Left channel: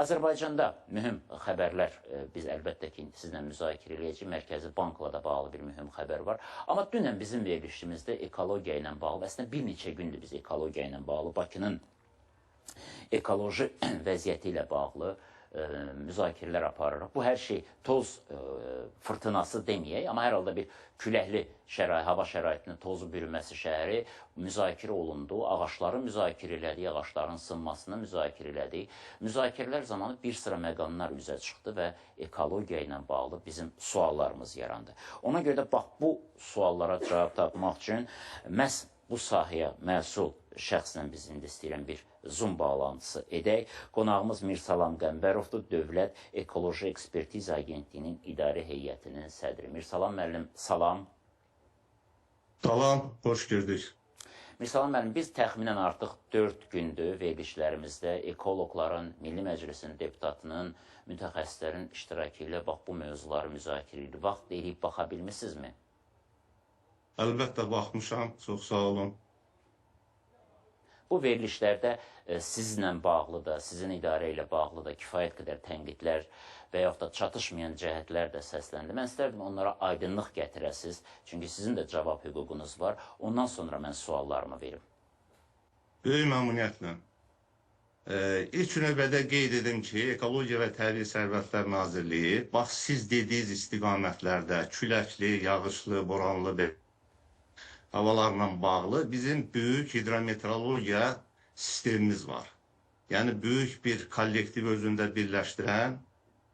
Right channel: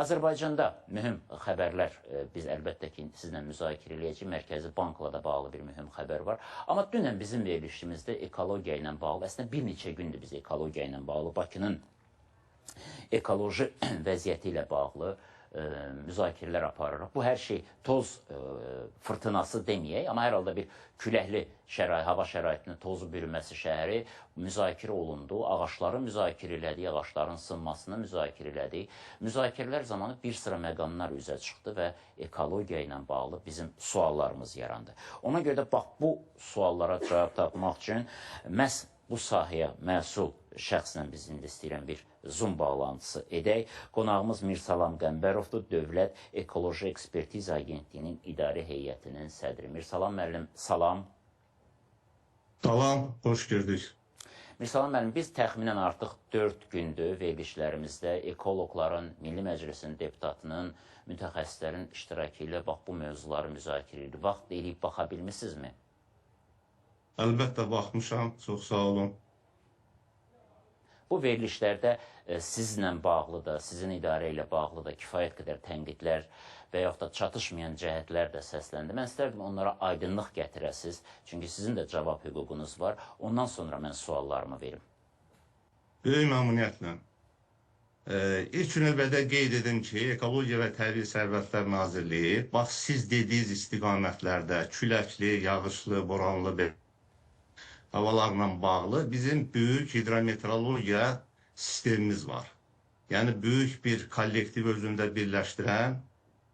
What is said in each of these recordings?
Azərbaycanda mühüm xəbərlər biz əlbəttə ki, sizlə müzakirə edəcəyik. Mərkəzi Bankla da bağlı bir mühüm xəbər var. Amma dünən bizim verilişimizdə ekologiya ilə bağlı, əslində bir neçə gündür biz ekologiya ilə bağlı, Bakının ekoloji vəziyyəti ilə bağlı müzakirələr aparırıq. Bu hər şey toz fırtınası deməyək, amma hər halda bir küləkli hava şəraitinin tozu bürünməsi şəhəri müzakirə olundu. Ağaçları müzakirə elədik, ağaçların sınmasını müzakirə elədik. Müzakirələr zamanı bir sıra məqamlar üzə çıxdı və ekologiya ilə bağlı bizim suallarımız yarandı. Ona görə də bax bu suallara cavab tapmaq üçün məhz bu sahəyə məsul şəxslə biz indi istəyirəm bir Zoom bağlantısı edək. Qonağımız Mirsalam Qəmbərovdur, Dövlət Ekoloji Ekspertiza Agentliyinin İdarə Heyətinin sədri. Mirsalam müəllim, salam. Salam, xoş gördük. Mirsalam müəllim, biz təxminən artıq 4 gündür verilişlərimizdə ekoloqların, Milli Məclisinin deputatının, mütəxəssislərin iştirakı ilə bax bu mövzuları müzakirə edirik. Vaxt deyilib baxa bilmisinizmi? Əlbəttə baxmışam, çox sağ olun. Bu verilişlərdə sizlə bağlı da, sizin idarə ilə bağlı da kifayət qədər tənqidlər və yaxud da çatışmayan cəhətlər də səsləndi. Mən istərdim onlara aydınlıq gətirəsiniz, çünki sizin də cavab hüququnuz var. Ondan sonra mən suallarımı verim. Böyük məmnuniyyətlə. İlk növbədə qeyd edim ki, Ekologiya və Təbii Sərvətlər Nazirliyi, bax siz dediyiniz istiqamətlərdə küləkli, yağışlı, boranlı havalarla bağlı bizim böyük hidrometeorologiya sistemimiz var. Yəni, böyük bir kollektiv özündə birləşdirən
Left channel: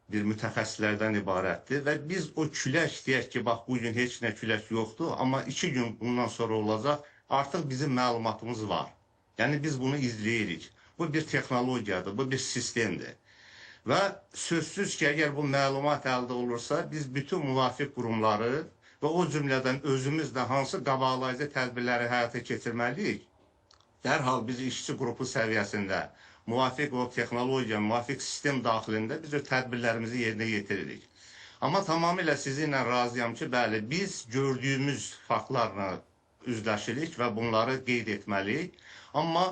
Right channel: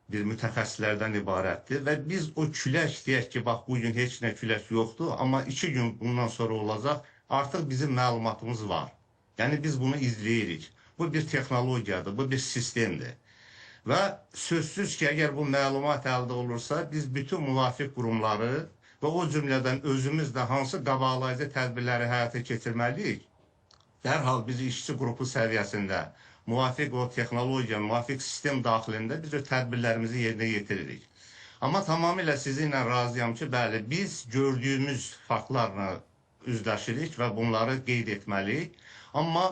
bir mütəxəssislərdən ibarətdir və biz o külək deyək ki, bax, bugün heç nə külək yoxdur, amma 2 gün bundan sonra olacaq, artıq bizim məlumatımız var. Yəni, biz bunu izləyirik. Bu bir texnologiyadır, bu bir sistemdir. Və sözsüz ki, əgər bu məlumat əldə olursa, biz bütün müvafiq qurumları və o cümlədən özümüz də hansı qabaqlayıcı tədbirləri həyata keçirməliyik, dərhal biz işçi qrupu səviyyəsində müvafiq o texnologiya, müvafiq sistem daxilində biz o tədbirlərimizi yerinə yetiririk. Amma tamamilə sizinlə razıyam ki, bəli, biz gördüyümüz faktlarla üzləşirik və bunları qeyd etməliyik. Amma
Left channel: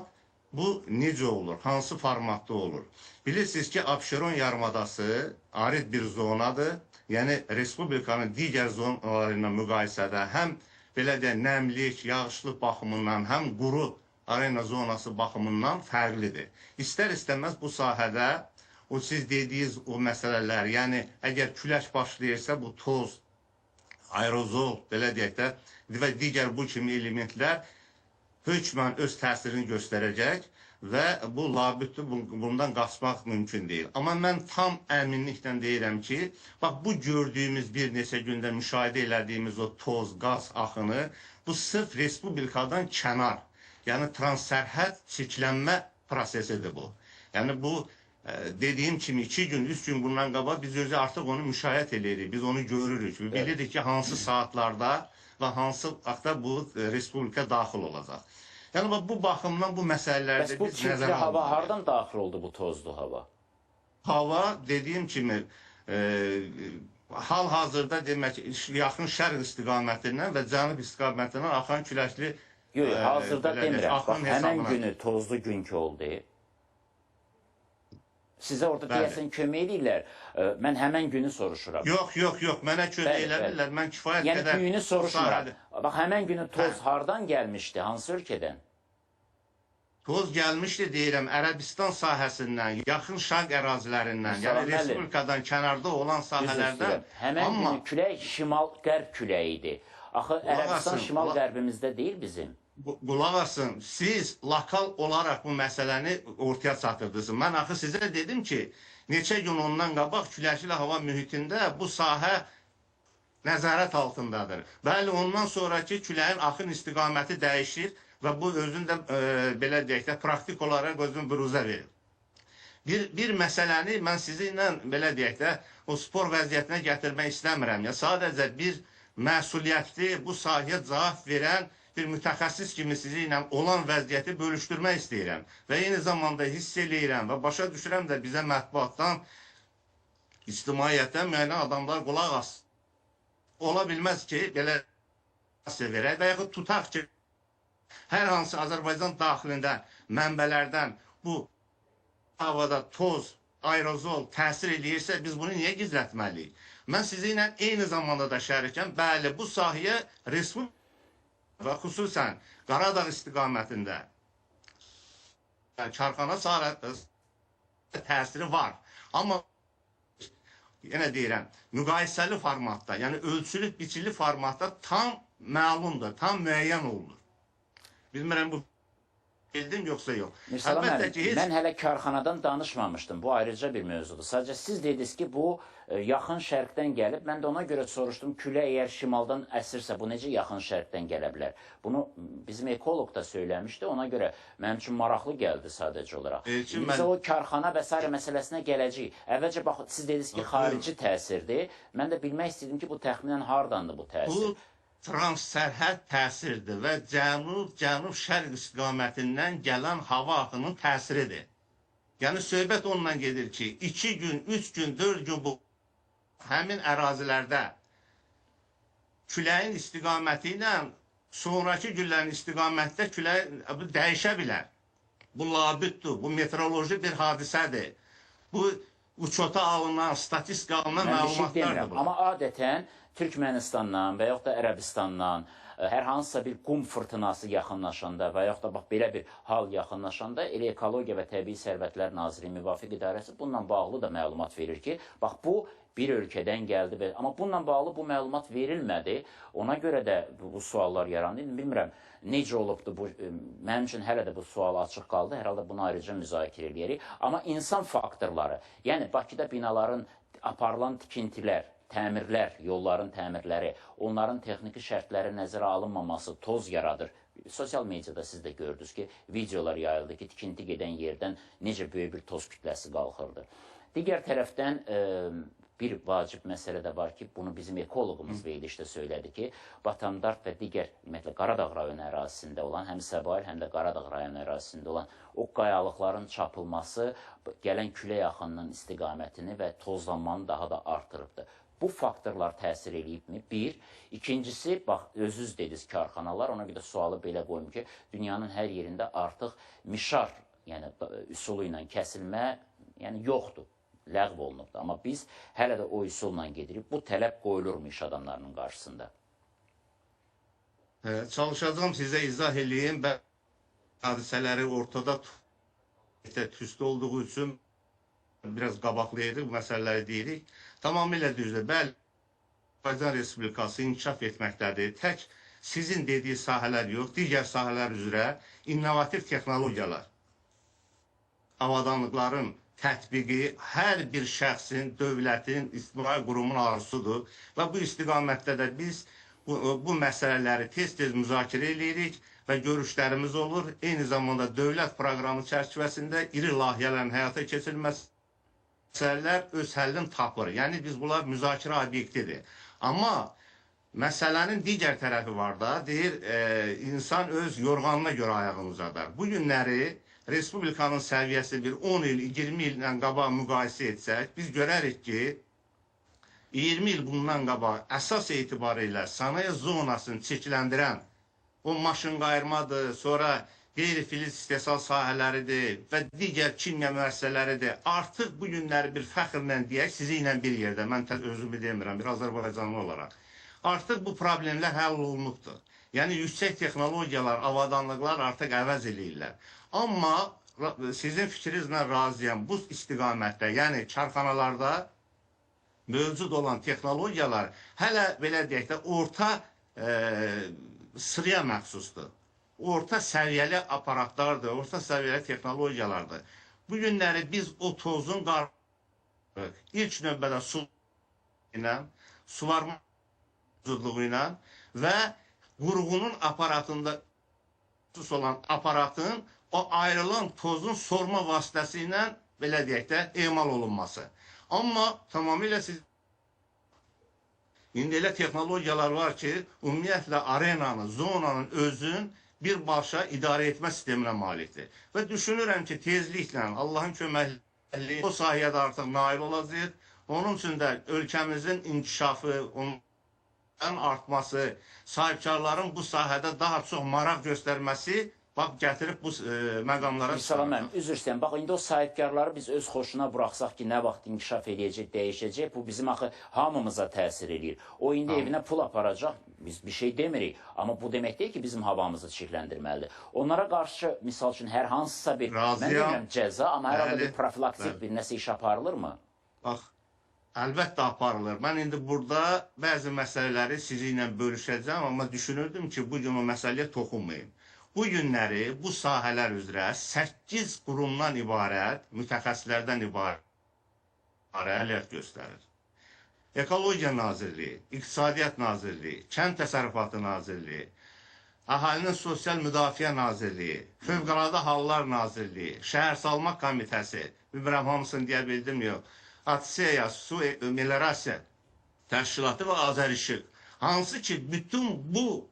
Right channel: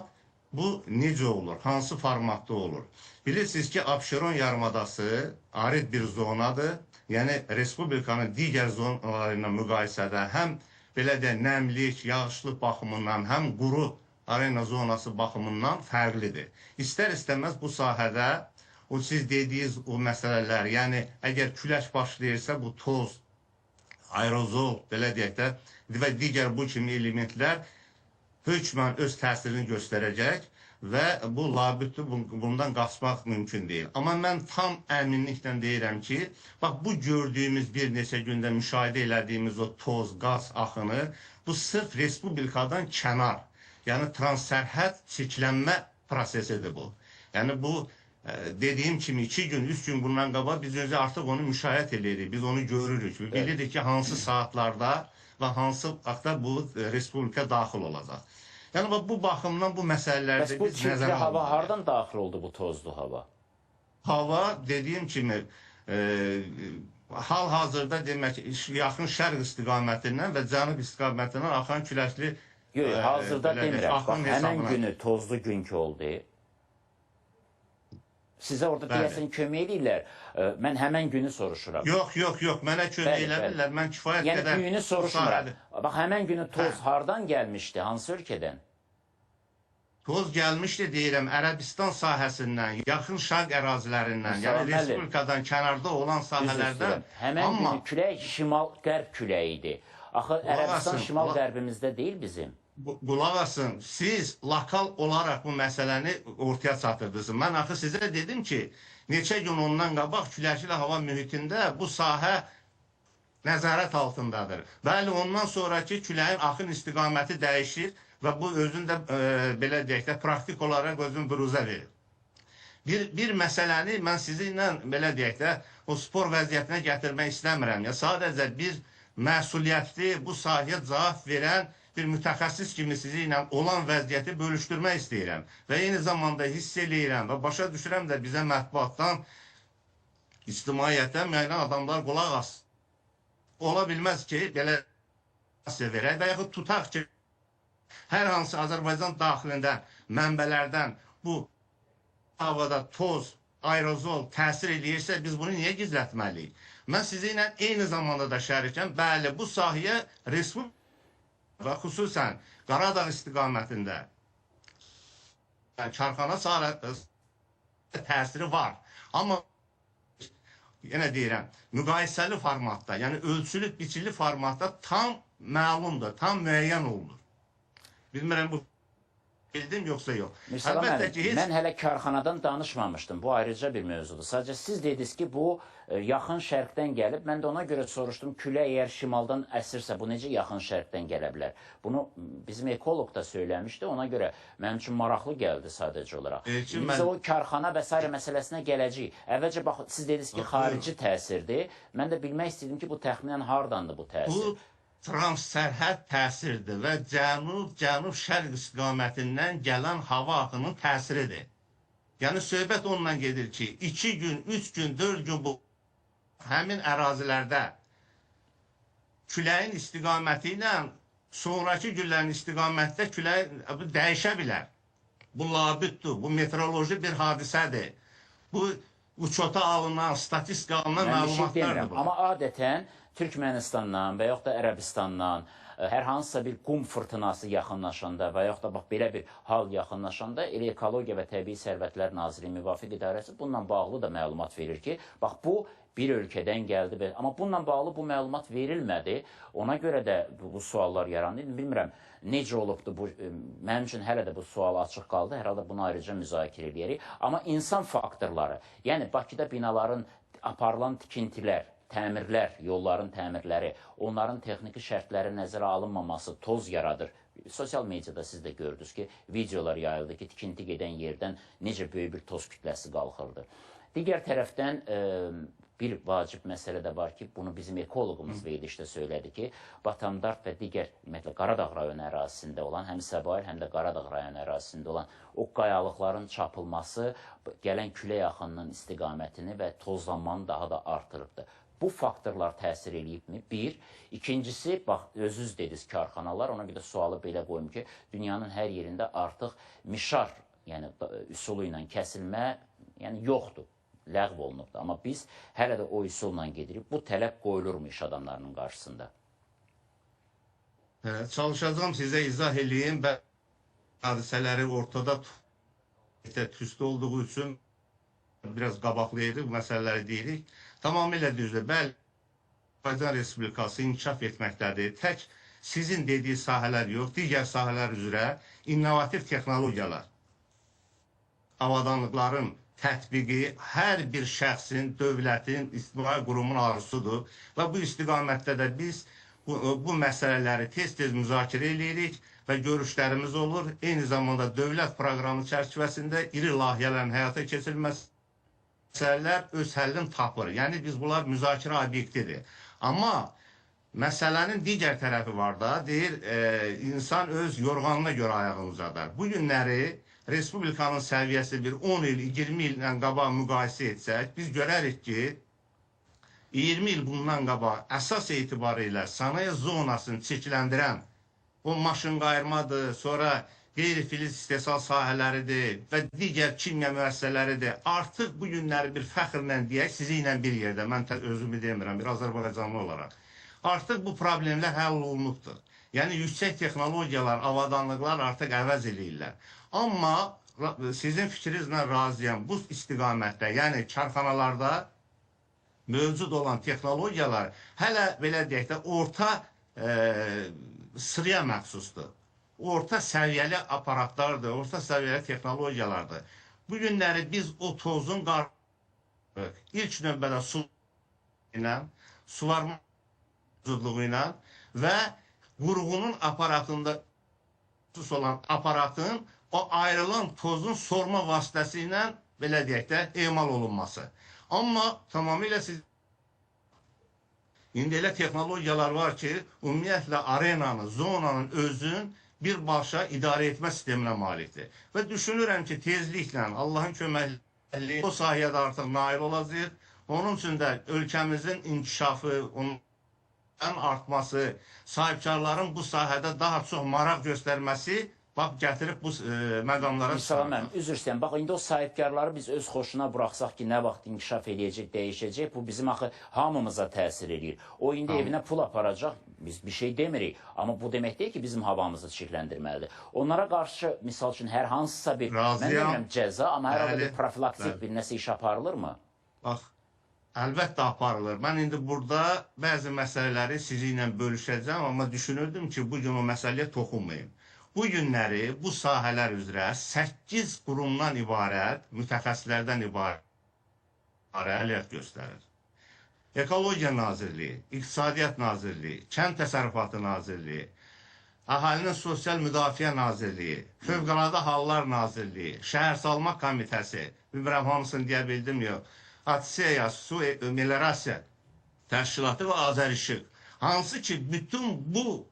bu necə olur, hansı formatda olur? Bilirsiniz ki, Abşeron yarımadası arid bir zonadır. Yəni, Respublikanın digər zonaları ilə müqayisədə həm belə də nəmlik, yağışlıq baxımından, həm quru arena zonası baxımından fərqlidir. İstər-istəməz bu sahədə o siz dediyiniz o məsələlər, yəni əgər külək başlayırsa bu toz, aerozol, belə deyək də və digər bu kimi elementlər hökmən öz təsirini göstərəcək və bu labüddür, bundan qaçmaq mümkün deyil. Amma mən tam əminliklə deyirəm ki, bax bu gördüyümüz bir neçə gündə müşahidə elədiyimiz o toz, qaz axını, bu sırf Respublikadan kənar, yəni transsərhəd çirklənmə prosesidir bu. Yəni bu dediyim kimi 2 gün, 3 gün bundan qabaq biz özü artıq onu müşahidə edirik, biz onu görürük. Bilirik ki, hansı saatlarda və hansı vaxtda bu Respublika daxil olacaq. Yəni, bu baxımdan bu məsələlərdə biz nəzərə almalıyıq. Bəs bu çirkli hava hardan daxil oldu bu tozlu hava? Hava, dediyim kimi, hal-hazırda demək, yaxın şərq istiqamətindən və cənub istiqamətindən axan küləkli... Yox, hazırda demirəm. Bax, həmən günü tozlu günkü oldu. Sizə orada deyəsən kömək edirlər. Mən həmən günü soruşuram. Yox, mənə kömək edirlər. Mən kifayət qədər... Yəni, günü soruşuram. Bax, həmən günü toz hardan gəlmişdi? Hansı ölkədən? Toz gəlmişdi, deyirəm, Ərəbistan sahəsindən, yaxın şərq ərazilərindən, yəni Respublikadan kənarda olan sahələrdən. Həmən günü külək şimal-qərb küləyidir. Axı, Ərəbistan şimal-qərbimizdə deyil bizim. Qulaq asın, siz lokal olaraq bu məsələni ortaya çatırdınız. Mən axı sizə dedim ki, neçə gün ondan qabaq küləkli hava mühitində bu sahə nəzarət altındadır. Bəli, ondan sonraki küləyin axın istiqaməti dəyişir və bu özündə, belə deyək də, praktik olaraq özünü büruzə verir. Bir məsələni mən sizinlə, belə deyək də, o spor vəziyyətinə gətirmək istəmirəm. Sadəcə bir məsuliyyətli, bu sahəyə cavab verən bir mütəxəssis kimi sizinlə olan vəziyyəti bölüşdürmək istəyirəm. Və eyni zamanda hiss eləyirəm və başa düşürəm də bizə mətbuatdan, ictimaiyyətdən müəyyən adamlar qulaq as. Ola bilməz ki, belə verək və yaxud tutaq ki, hər hansı Azərbaycan daxilində mənbələrdən bu havada toz aerozol təsir eləyirsə, biz bunu niyə gizlətməliyik? Mən sizinlə eyni zamanda da şərikəm. Bəli, bu sahəyə respublika və xüsusən Qaradağ istiqamətində karxana təsiri var. Amma yenə deyirəm, müqayisəli formatda, yəni ölçülü, biçili formatda tam məlumdur, tam müəyyən olunur. Bilmirəm, bu bildim yoxsa yox. Mürsəlam müəllim, mən hələ karxanadan danışmamışdım. Bu ayrıca bir mövzudur. Sadəcə siz dediniz ki, bu yaxın şərqdən gəlib. Mən də ona görə soruşdum, külək əgər şimaldan əsirsə, bu necə yaxın şərqdən gələ bilər? Bunu bizim ekoloq da söyləmişdi. Ona görə mənim üçün maraqlı gəldi sadəcə olaraq. Biz o karxana və s. məsələsinə gələcəyik. Əvvəlcə, bax, siz dediniz ki, xarici təsirdir. Mən də bilmək istəyirdim ki, bu təxminən hardandır bu təsir? Transsərhəd təsirdir və cənub-şərq istiqamətindən gələn hava axının təsiridir. Yəni, söhbət ondan gedir ki, 2 gün, 3 gün, 4 gün bu həmin ərazilərdə küləyin istiqaməti ilə sonraki günlərin istiqamətdə külək dəyişə bilər. Bu labüddür, bu meteoroloji bir hadisədir. Bu uçota alınan, statistika alınan məlumatlardır bu. Amma adətən Türkmenistandan və yaxud da Ərəbistandan hər hansısa bir qum fırtınası yaxınlaşanda və yaxud da bax, belə bir hal yaxınlaşanda elə Ekologiya və Təbii Sərvətlər Nazirliyi Müvafiq İdarəsi bununla bağlı da məlumat verir ki, bax, bu bir ölkədən gəldi. Amma bununla bağlı bu məlumat verilmədi. Ona görə də bu suallar yarandı. Bilmirəm, necə olubdur bu, mənim üçün hələ də bu sual açıq qaldı. Hər halda bunu ayrıca müzakirə edirik. Amma insan faktorları, yəni Bakıda binaların aparılan tikintilər, təmirlər, yolların təmirləri, onların texniki şərtləri nəzərə alınmaması toz yaradır. Sosial mediada siz də gördünüz ki, videolar yayıldı ki, tikinti gedən yerdən necə böyük bir toz kütləsi qalxırdı. Digər tərəfdən bir vacib məsələ də var ki, bunu bizim ekoloqumuz verilişdə söylədi ki, Batamdart və digər, ümumiyyətlə, Qaradağ rayonu ərazisində olan, həm Səbail, həm də Qaradağ rayonu ərazisində olan o qayalıqların çapılması gələn külək axınının istiqamətini və tozlanmanı daha da artırıbdır. Bu faktorlar təsir eləyibmi? Bir. İkincisi, bax, özünüz dediniz karxanalar, ona bir də sualı belə qoyum ki, dünyanın hər yerində artıq mişar, yəni üsulu ilə kəsilmə, yəni yoxdur, ləğv olunubdur. Amma biz hələ də o üsulla gedirik. Bu tələb qoyulurmu iş adamlarının qarşısında? Çalışacağım sizə izah eləyim və hadisələri ortada tüstü olduğu üçün biraz qabaqlayırıq, bu məsələləri deyirik. Tamamilə düzdür. Bəli, Azərbaycan Respublikası inkişaf etməkdədir. Tək sizin dediyi sahələr yox, digər sahələr üzrə innovativ texnologiyalar, avadanlıqların tətbiqi hər bir şəxsin, dövlətin, ictimai qurumun arzusudur və bu istiqamətdə də biz bu məsələləri tez-tez müzakirə edirik və görüşlərimiz olur. Eyni zamanda dövlət proqramı çərçivəsində iri layihələrin həyata keçirilməsi məsələlər öz həllini tapır. Yəni, biz bunlar müzakirə obyektidir. Amma məsələnin digər tərəfi var da, deyir, insan öz yorğanına görə ayağını uzadar. Bu günləri Respublikanın səviyyəsi bir 10 il, 20 illə qabaq müqayisə etsək, biz görərik ki, 20 il bundan qabaq əsas etibarıyla sənaye zonasını çirkləndirən o maşın qayırmadır, sonra qeyri-filiz istehsal sahələridir və digər kimya müəssisələridir. Artıq bu günləri bir fəxrlə deyək, sizi ilə bir yerdə, mən özümü demirəm, bir Azərbaycanlı olaraq. Artıq bu problemlər həll olunubdur. Yəni, yüksək texnologiyalar, avadanlıqlar artıq əvəz eləyirlər. Amma sizin fikrinizlə razıyam, bu istiqamətdə, yəni karxanalarda mövcud olan texnologiyalar hələ, belə deyək də, orta sıraya məxsusdur. Orta səviyyəli aparatlardır, orta səviyyəli texnologiyalardır. Bu günləri biz o tozun ilk növbədə suvarma mövcudluğu ilə və qurğunun aparatında olan aparatın o ayrılan tozun sorma vasitəsi ilə, belə deyək də, emal olunması. Amma tamamilə siz indi elə texnologiyalar var ki, ümumiyyətlə arenanın, zonanın özün birbaşa idarə etmə sisteminə malikdir. Və düşünürəm ki, tezliklə, Allahın köməkliyi o sahədə artıq nail olacaq. Onun üçün də ölkəmizin inkişafı, onun artması, sahibkarların bu sahədə daha çox maraq göstərməsi bax gətirib bu məqamlara Salam çıxarır. mənim, üzr istəyirəm. Bax, indi o sahibkarları biz öz xoşuna buraxsaq ki, nə vaxt inkişaf edəcək, dəyişəcək, bu bizim axı hamımıza təsir edir. O indi evinə pul aparacaq, biz bir şey demirik. Amma bu demək deyil ki, bizim havamızı çirkləndirməlidir. Onlara qarşı, misal üçün, hər hansısa bir, mən demirəm cəza, amma hər halda bir profilaktik bir nəsə iş aparılırmı? Bax, əlbəttə aparılır. Mən indi burada bəzi məsələləri sizinlə bölüşəcəm, amma düşünürdüm ki, bugün o məsələyə toxunmayayım. Bu günləri bu sahələr üzrə 8 qurumdan ibarət, mütəxəssislərdən ibarət fəaliyyət göstərir. Ekologiya Nazirliyi, İqtisadiyyat Nazirliyi, Kənd Təsərrüfatı Nazirliyi, Əhalinin Sosial Müdafiə Nazirliyi, Fövqəladə Hallar Nazirliyi, Şəhərsalma Komitəsi, bilmirəm hamısını deyə bildim yox, Atseya, Su Meliorasiya Təşkilatı və Azərişıq. Hansı ki, bütün bu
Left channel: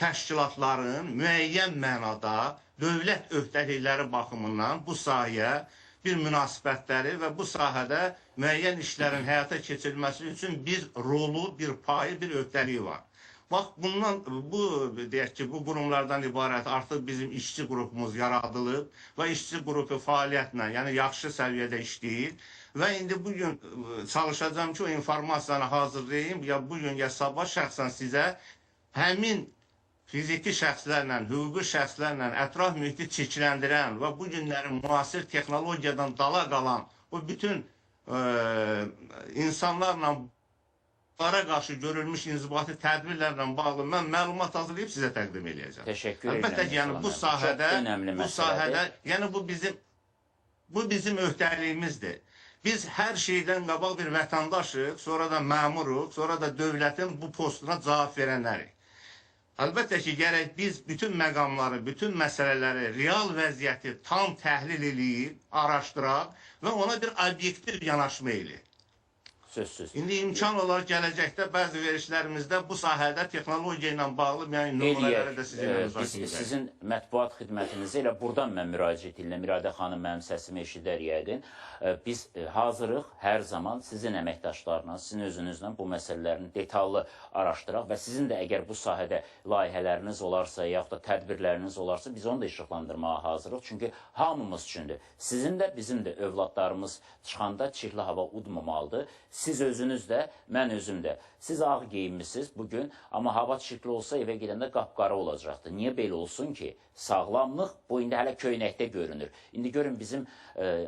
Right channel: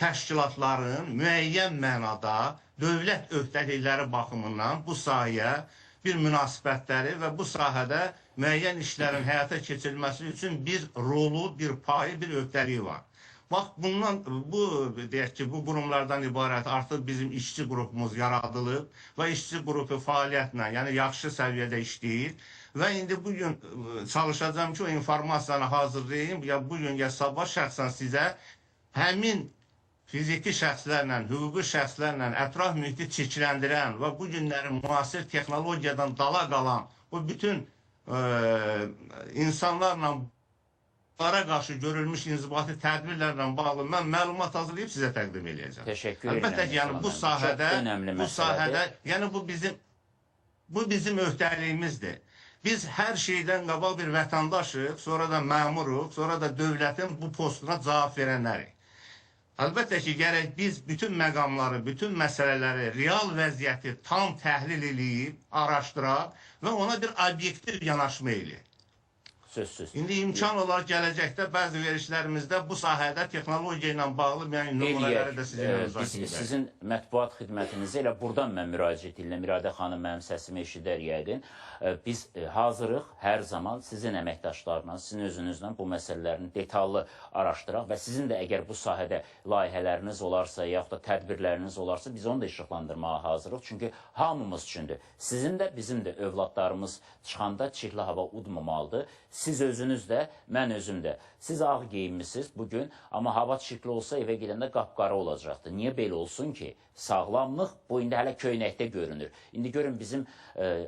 təşkilatların müəyyən mənada dövlət öhdəlikləri baxımından bu sahəyə bir münasibətləri və bu sahədə müəyyən işlərin həyata keçirilməsi üçün bir rolu, bir payı, bir öhdəliyi var. Bax, deyək ki, bu qurumlardan ibarət artıq bizim işçi qrupumuz yaradılıb və işçi qrupu fəaliyyətlə, yəni yaxşı səviyyədə işləyir və indi bugün çalışacağım ki, o informasiyanı hazırlayayım, ya bugün, ya sabah şəxsən sizə həmin fiziki şəxslərlə, hüquqi şəxslərlə ətraf mühiti çirkləndirən və bu günlərin müasir texnologiyadan dala qalan o bütün insanlarla qarşı görülmüş inzibati tədbirlərlə bağlı mən məlumat hazırlayıb sizə təqdim edəcəm. Təşəkkür edirəm. Əlbəttə ki, yəni bu sahədə, yəni bu bizim öhdəliyimizdir. Biz hər şeydən qabaq bir vətəndaşıq, sonra da məmuruq, sonra da dövlətin bu postuna cavab verənlərik. Əlbəttə ki, gərək biz bütün məqamları, bütün məsələləri, real vəziyyəti tam təhlil edib, araşdıraq və ona bir obyektiv yanaşma eləyik. Sözsüz. İndi imkan olar gələcəkdə bəzi verişlərimizdə bu sahədə texnologiya ilə bağlı nümunələri də sizinlə müzakirə edək. Sizin mətbuat xidmətinizə elə buradan mən müraciət edirəm. İradə xanım mənim səsimi eşidər yəqin. Biz hazırıq hər zaman sizin əməkdaşlarla, sizin özünüzlə bu məsələlərini detallı araşdıraq və sizin də əgər bu sahədə layihələriniz olarsa, yaxud da tədbirləriniz olarsa, biz onu da işıqlandırmağa hazırıq. Çünki hamımız üçündür. Sizin də, bizim də övladlarımız çıxanda çirkli hava udmamalıdır. Siz özünüz də, mən özüm də. Siz ağ geyinmişsiniz bugün, amma hava çirkli olsa evə gedəndə qapqara olacaqdır. Niyə belə olsun ki? Sağlamlıq bu indi hələ köynəkdə görünür. İndi görün bizim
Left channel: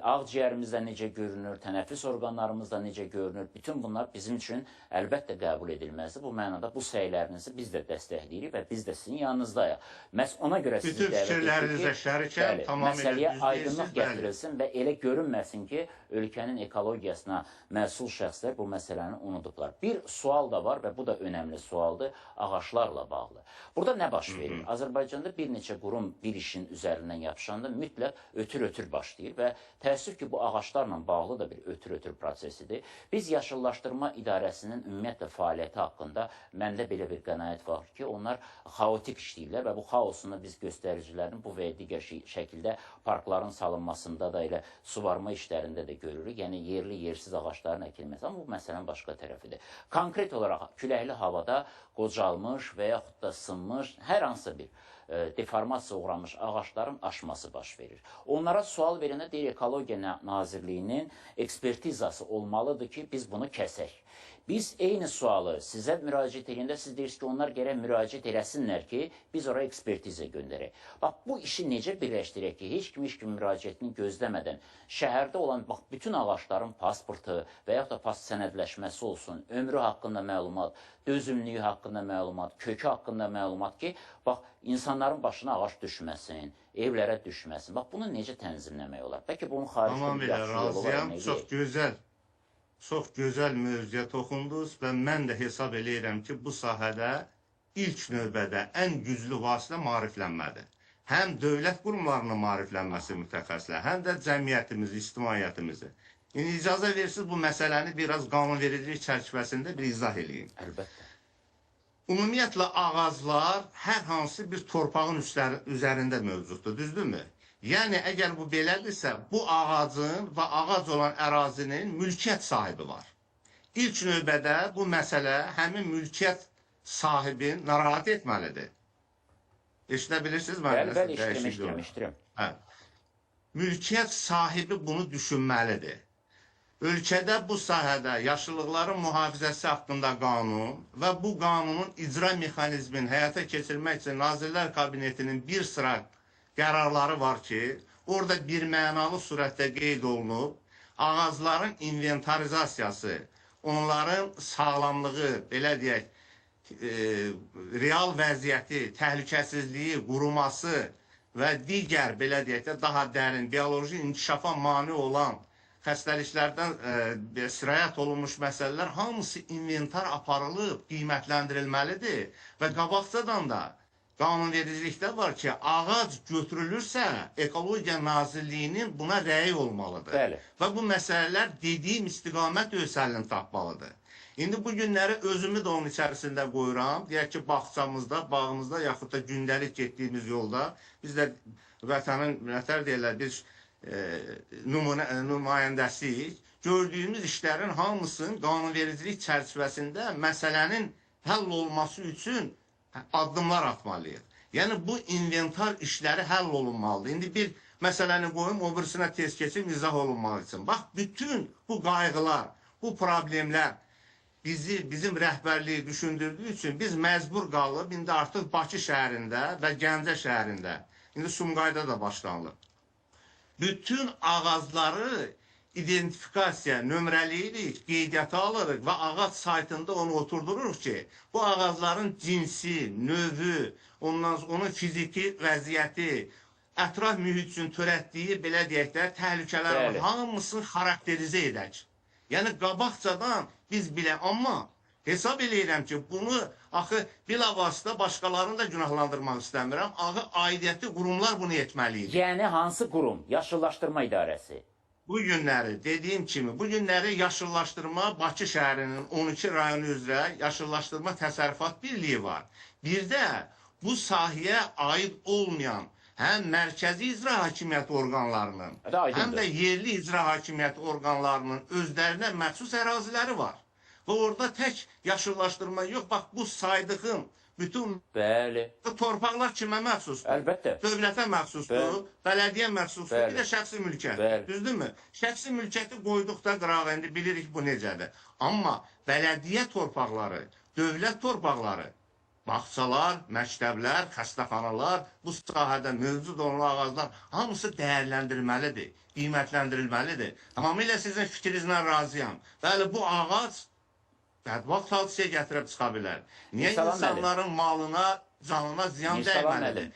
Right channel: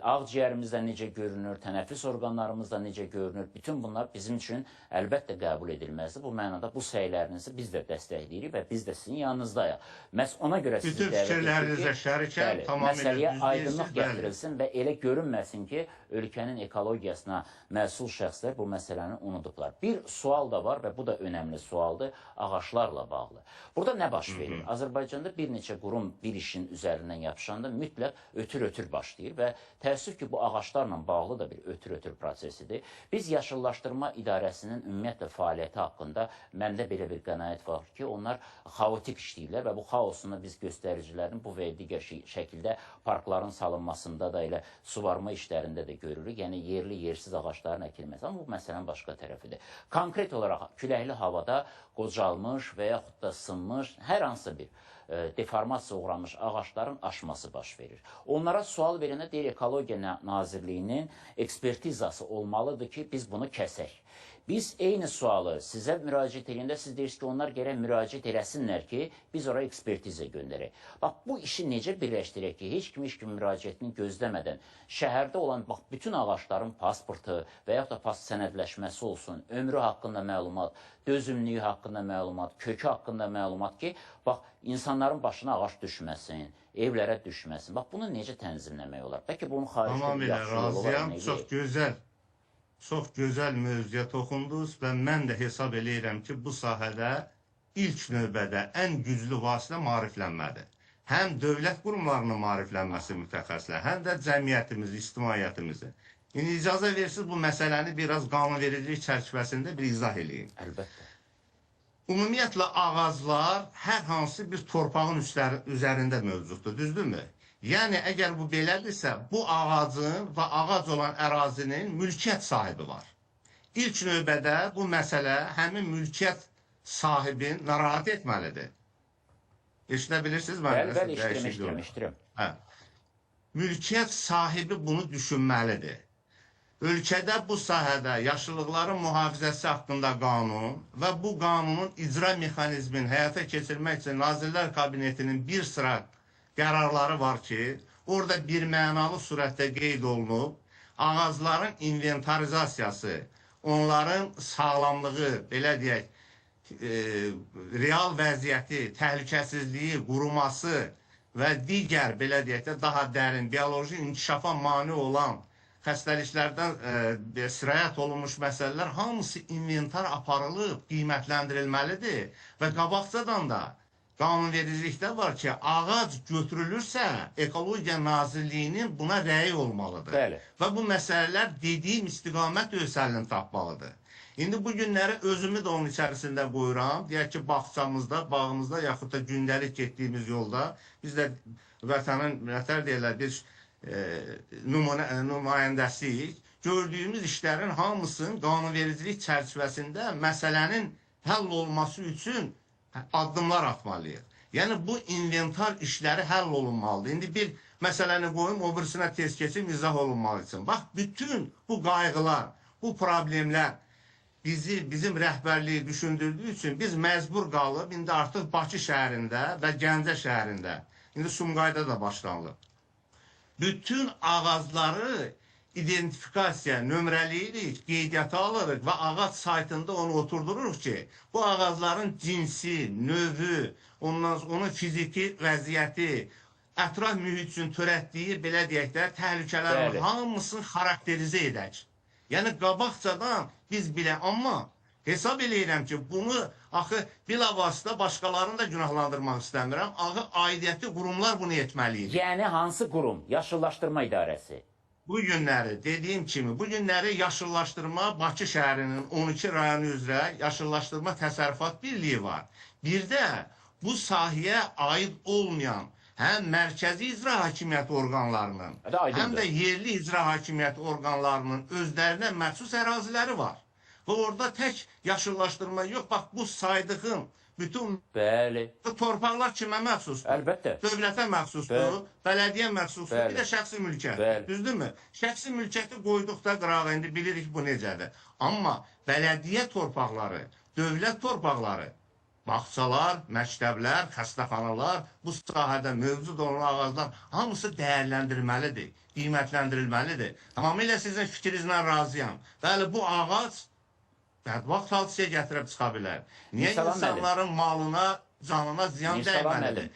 ağciyərimizdə necə görünür, tənəffüs orqanlarımızda necə görünür. Bütün bunlar bizim üçün əlbəttə qəbul edilməzdir. Bu mənada bu səylərinizi biz də dəstəkləyirik və biz də sizin yanınızdayıq. Məhz ona görə sizi bütün fikirlərinizə şərikəm, tamamilə məsələyə aydınlıq gətirilsin və elə görünməsin ki, ölkənin ekologiyasına məsul şəxslər bu məsələni unudublar. Bir sual da var və bu da önəmli sualdır, ağaçlarla bağlı. Burada nə baş verir? Azərbaycanda bir neçə qurum bir işin üzərindən yapışanda mütləq ötür-ötür başlayır və təəssüf ki, bu ağaçlarla bağlı da bir ötür-ötür prosesidir. Biz Yaşıllaşdırma İdarəsinin ümumiyyətlə fəaliyyəti haqqında məndə belə bir qənaət var ki, onlar xaotik işləyirlər və bu xaosunu biz göstəricilərin bu və digər şəkildə parkların salınmasında da elə suvarma işlərində də görürük. Yəni, yerli, yersiz ağaçların əkilməsi. Amma bu məsələnin başqa tərəfidir. Konkret olaraq küləkli havada qocalmış və yaxud da sınmış hər hansı bir deformasiya uğramış ağaçların aşması baş verir. Onlara sual verəndə deyir, Ekologiya Nazirliyinin ekspertizası olmalıdır ki, biz bunu kəsək. Biz eyni sualı sizə müraciət edəndə siz deyirsiniz ki, onlar gərək müraciət eləsinlər ki, biz oraya ekspertizə göndərək. Bax, bu işi necə birləşdirək ki, heç kim müraciətini gözləmədən şəhərdə olan bütün ağaçların pasportu və yaxud da pas sənədləşməsi olsun, ömrü haqqında məlumat, dözümlüyü haqqında məlumat, kökü haqqında məlumat ki, bax, insanların başına ağac düşməsin, evlərə düşməsin. Bax, bunu necə tənzimləmək olar? Bəlkə bunun xaricdə bir yaxşı yolu var. Çox gözəl mövzuya toxundunuz və mən də hesab eləyirəm ki, bu sahədə ilk növbədə ən güclü vasitə maariflənmədir. Həm dövlət qurumlarının maariflənməsi mütəxəssislər, həm də cəmiyyətimizi, ictimaiyyətimizi. İndi icazə versiniz bu məsələni biraz qanunvericilik çərçivəsində bir izah edeyim. Əlbəttə. Ümumiyyətlə ağaclar hər hansı bir torpağın üzərində mövcuddur, düzdürmü? Yəni, əgər bu belədirsə, bu ağacın və ağac olan ərazinin mülkiyyət sahibi var. İlk növbədə bu məsələ həmin mülkiyyət sahibini narahat etməlidir. Eşidə bilirsiniz Bəli, mənə? bəli, eşidirəm. Hə. Mülkiyyət sahibi bunu düşünməlidir. Ölkədə bu sahədə yaşıllıqların mühafizəsi haqqında qanun və bu qanunun icra mexanizmini həyata keçirmək üçün Nazirlər Kabinetinin bir sıra qərarları var ki, orada birmənalı surətdə qeyd olunub, ağacların inventarizasiyası, onların sağlamlığı, belə deyək, real vəziyyəti, təhlükəsizliyi, quruması və digər, belə deyək də, daha dərin, bioloji inkişafa mane olan xəstəliklərdən sirayət olunmuş məsələlər hamısı inventar aparılıb, qiymətləndirilməlidir və qabaqcadan da qanunvericilikdə var ki, ağac götürülürsə, Ekologiya Nazirliyinin buna rəyi olmalıdır. Bəli. Və bu məsələlər dediyim istiqamət öz həllini tapmalıdır. İndi bu günləri özümü də onun içərisində qoyuram. Deyək ki, bağçamızda, bağımızda, yaxud da gündəlik getdiyimiz yolda biz də vətənin, nətər deyirlər, biz nümayəndəsiyik. Gördüyümüz işlərin hamısının qanunvericilik çərçivəsində məsələnin həll olması üçün addımlar atmalıyıq. Yəni, bu inventar işləri həll olunmalıdır. İndi bir məsələni qoyum, o birisinə tez keçib izah olunmalı üçün. Bax, bütün bu qayğılar, bu problemlər bizim rəhbərliyi düşündürdüyü üçün biz məcbur qalıb, indi artıq Bakı şəhərində və Gəncə şəhərində, indi Sumqayda da başlanılıb. Bütün ağacları identifikasiya, nömrələyirik, qeydiyyata alırıq və ağac saytında onu oturdururuq ki, bu ağacların cinsi, növü, onun fiziki vəziyyəti, ətraf mühit üçün törətdiyi, belə deyək də, təhlükələrin hamısını xarakterizə edək. Yəni, qabaqcadan biz bilə, amma hesab eləyirəm ki, bunu axı bilavasitə başqalarını da günahlandırmaq istəmirəm. Axı aidiyyəti qurumlar bunu etməliydi. Yəni hansı qurum? Yaşıllaşdırma idarəsi. Bu günləri, dediyim kimi, bu günləri yaşıllaşdırma Bakı şəhərinin 12 rayonu üzrə yaşıllaşdırma təsərrüfat birliyi var. Bir də bu sahəyə aid olmayan həm mərkəzi icra hakimiyyət orqanlarının, həm də yerli icra hakimiyyət orqanlarının özlərinə məxsus əraziləri var. Və orada tək yaşıllaşdırma yox, bax bu saydığım bütün torpaqlar kimə məxsusdur? Əlbəttə. Dövlətə məxsusdur, bələdiyyə məxsusdur, bir də şəxsi mülkiyyət. Düzdürmü? Şəxsi mülkiyyəti qoyduqda qırağa, indi bilirik bu necədir. Amma bələdiyyə torpaqları, dövlət torpaqları, bağçalar, məktəblər, xəstəxanalar, bu sahədə mövcud olan ağaclar hamısı dəyərləndirilməlidir, qiymətləndirilməlidir. Tamamilə sizin fikrinizlə razıyam. Bəli, bu ağac bədbaxt hadisəyə gətirib çıxa bilər. Niyə insanların malına, canına ziyan dəyməlidir?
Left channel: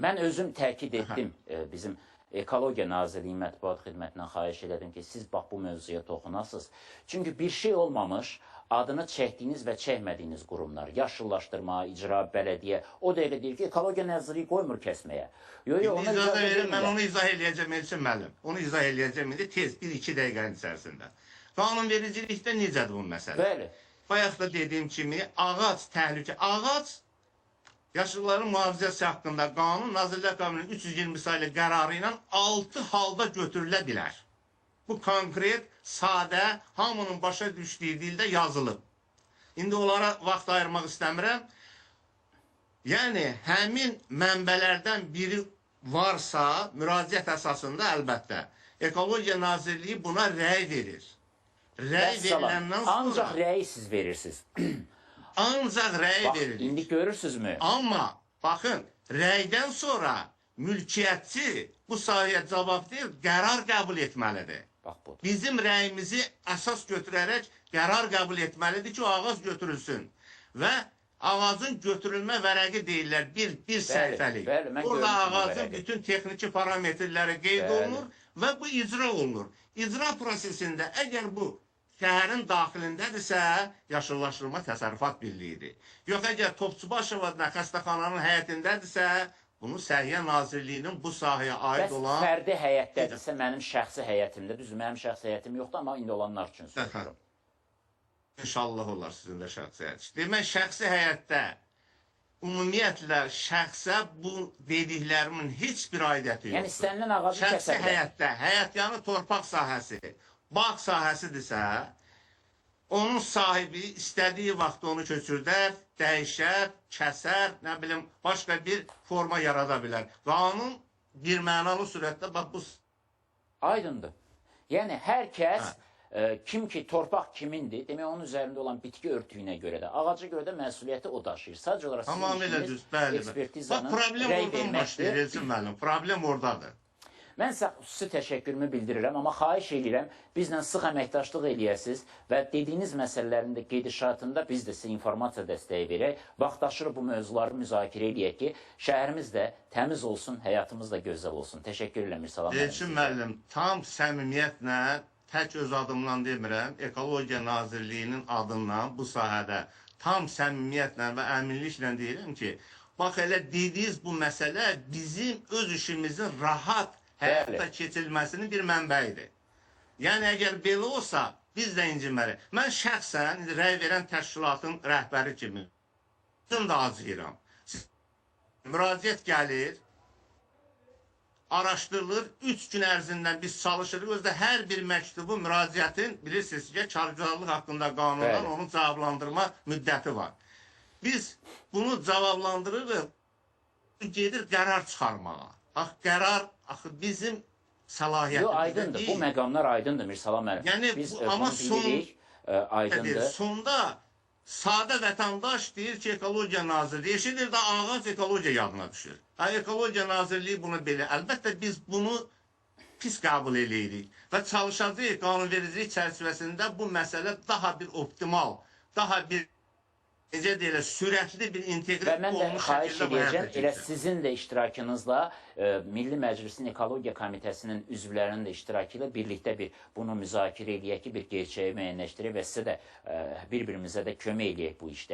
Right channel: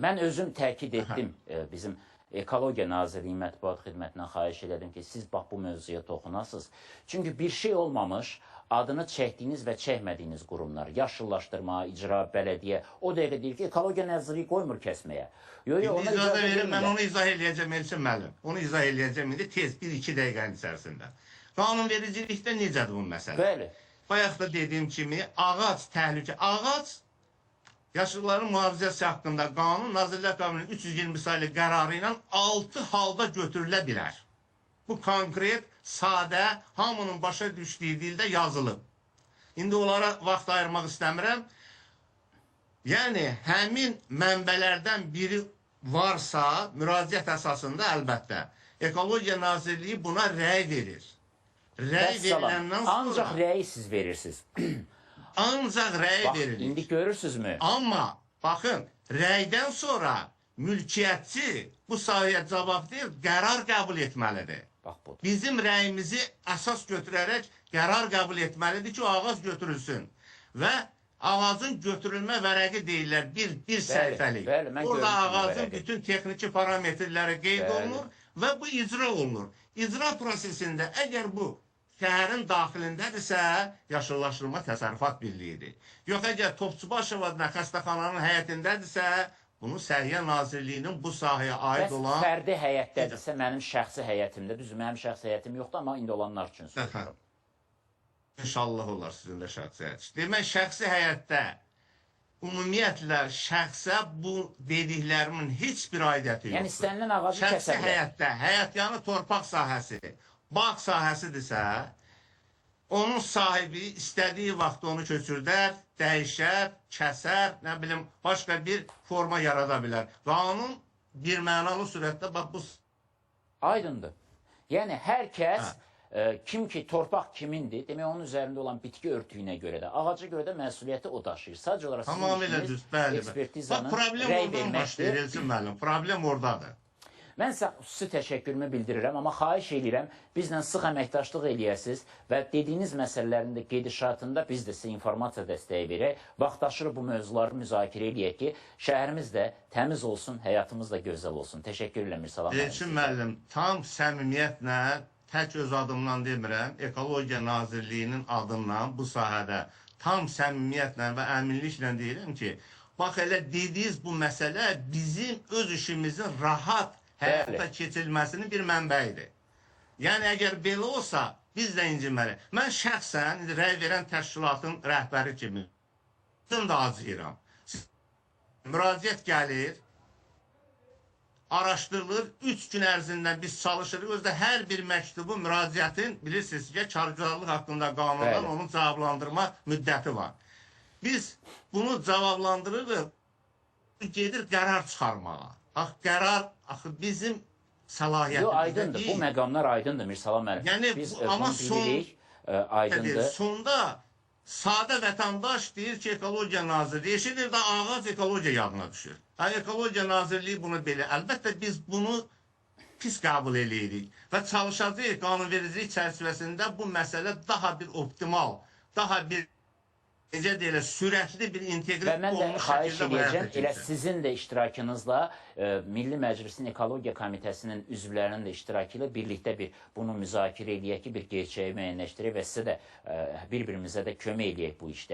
Mən özüm təkid etdim, bizim Ekologiya Nazirliyi Mətbuat Xidmətindən xahiş ededim ki, siz bax bu mövzuya toxunasınız. Çünki bir şey olmamış, adını çəkdiyiniz və çəkmədiyiniz qurumlar, yaşıllaşdırma, icra, bələdiyyə, o da elə deyil ki, Ekologiya Nazirliyi qoymur kəsməyə. Mən onu izah eləyəcəm, Elçin müəllim. Onu izah eləyəcəm indi tez, 1-2 dəqiqənin içərisində. Qanunvericilikdə necədir bu məsələ? Bəli. Bayaq da dediyim kimi, ağac təhlükə, ağac yaşılların mühafizəsi haqqında qanun Nazirlər Kabinetinin 320 saylı qərarı ilə 6 halda götürülə bilər. Bu konkret, sadə, hamının başa düşdüyü dildə yazılıb. İndi onlara vaxt ayırmaq istəmirəm. Yəni, həmin mənbələrdən biri varsa, müraciət əsasında əlbəttə, Ekologiya Nazirliyi buna rəy verir. Rəy veriləndən sonra... Ancaq rəyi siz verirsiniz. Ancaq rəy verilir. İndi görürsünüzmü? Amma, baxın, rəydən sonra mülkiyyətçi bu sahəyə cavabdeh qərar qəbul etməlidir. Bizim rəyimizi əsas götürərək qərar qəbul etməlidir ki, o ağac götürülsün. Və ağacın götürülmə vərəqi deyirlər, bir səhifəlik. Orada ağacın bütün texniki parametrləri qeyd olunur və bu icra olunur. İcra prosesində əgər bu şəhərin daxilindədirsə, yaşıllaşdırma təsərrüfat birliyidir. Yox, əgər Topçubaşova xəstəxananın həyətindədirsə, bunu Səhiyyə Nazirliyinin bu sahəyə aid olan... Bəs fərdi həyətdədirsə, mənim şəxsi həyətimdə, düzdür, mənim şəxsi həyətim yoxdur, amma indi olanlar üçün soruşuram. İnşallah olar sizin də şəxsi həyət. Demək, şəxsi həyətdə ümumiyyətlə şəxsə bu dediklərimin heç bir aidiyyəti yoxdur. Yəni, istənilən ağacı kəsə bilər. Şəxsi həyətdə, həyətyanı torpaq sahəsi, bağ sahəsidirsə, onun sahibi istədiyi vaxt onu köçürdər, dəyişər, kəsər, nə bilim, başqa bir forma yarada bilər. Qanun bir mənalı surətdə bax bu Aydındır. Yəni hər kəs kim ki torpaq kimindir, demək onun üzərində olan bitki örtüyünə görə də, ağaca görə də məsuliyyəti o daşıyır. Sadəcə olaraq sizin tamamilə işiniz düz, bəli. ekspertizanın Bax problem rəy oradan verməkdir. başlayır Elçin müəllim. Problem oradadır. Mən sizə xüsusi təşəkkürümü bildirirəm, amma xahiş edirəm, bizlə sıx əməkdaşlıq eləyəsiniz və dediyiniz məsələlərin də gedişatında biz də sizə informasiya dəstəyi verək, vaxtaşırı bu mövzuları müzakirə eləyək ki, şəhərimiz də təmiz olsun, həyatımız da gözəl olsun. Təşəkkür edirəm, Mirsəlam müəllim. Elçin müəllim, tam səmimiyyətlə, tək öz adımdan demirəm, Ekologiya Nazirliyinin adından bu sahədə tam səmimiyyətlə və əminliklə deyirəm ki, bax elə dediyiniz bu məsələ bizim öz işimizin rahat həyata keçirilməsinin bir mənbəyidir. Yəni, əgər belə olsa, biz də incinməliyik. Mən şəxsən rəy verən təşkilatın rəhbəri kimi da acıyıram. Müraciət gəlir, araşdırılır, 3 gün ərzində biz çalışırıq. Özdə hər bir məktubu, müraciətin, bilirsiniz ki, kargüzarlıq haqqında qanundan onun cavablandırma müddəti var. Biz bunu cavablandırırıq, gedir qərar çıxarmağa. Qərar axı bizim səlahiyyətimizdə deyil. Aydındır, bu məqamlar aydındır, Mirsəlam müəllim. Yəni, biz amma bunu bilirik, aydındır. Sonda sadə vətəndaş deyir ki, Ekologiya Nazirliyi, eşidir də ağac ekologiya yadına düşür. Ekologiya Nazirliyi bunu belə, əlbəttə biz bunu pis qəbul edirik və çalışacağıq qanunvericilik çərçivəsində bu məsələ daha bir optimal, daha bir necə deyirlər, sürətli bir integri və mən də olmuş xahiş şəkildə edəcəm, elə sizin də iştirakınızla Milli Məclisin Ekologiya Komitəsinin üzvlərinin də iştirakı ilə birlikdə bunu müzakirə eləyək ki, bir gerçəyi müəyyənləşdirək və sizə də bir-birimizə də kömək eləyək bu işdə.